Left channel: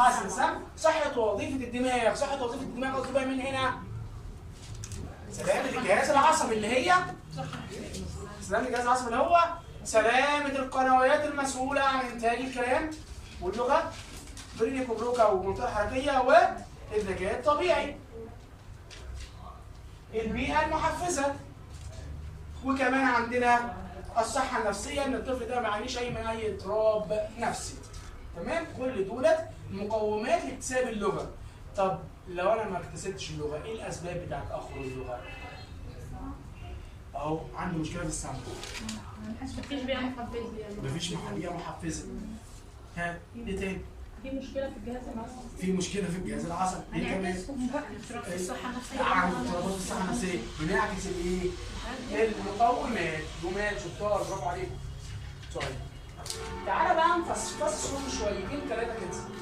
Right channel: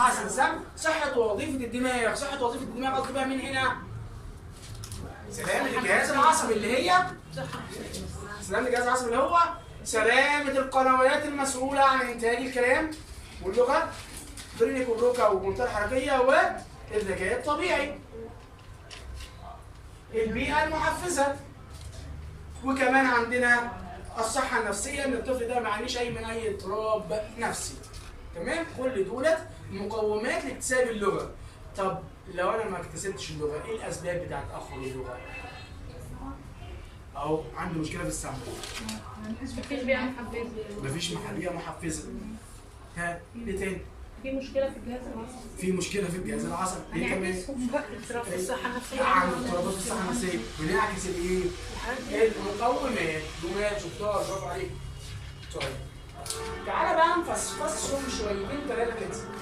حسن صح؟ صحة ووظيفة الدماغ، صحة وظيفة الدماغ قصدي بقى من هنا سلامة الجهاز العصبي اللي هي سلامة الجهاز العصبي اللي هو سلامة القنوات المسؤولة عن إنتاج الكلام واللغة، برينك وبروكا والمنطقة الحركية والذكاء الطبيعي. البيئة المحفزة، وكمان عندنا الصحة النفسية إن الطفل ده ما يعانيش من أي اضطراب نفسي. تمام؟ كل دولت مقومات لاكتساب اللغة. طب لو أنا ما اكتسبتش اللغة، إيه الأسباب بتاعت تأخر اللغة؟ أهو عنده مشكلة في السمع. مفيش بيئة محفزة. مفيش بيئة محفزة. ها، إيه تاني؟ في مشكلة في الجهاز العصبي. في مشكلة في الجهاز العصبي. إيه كمان؟ اضطراب في الصحة النفسية. اضطرابات الصحة النفسية. بنعكس الإيه؟ المقومات. جمال شطار، برافو عليك. طيب. تعالى بقى نفصصهم شويتين ثلاثة كده.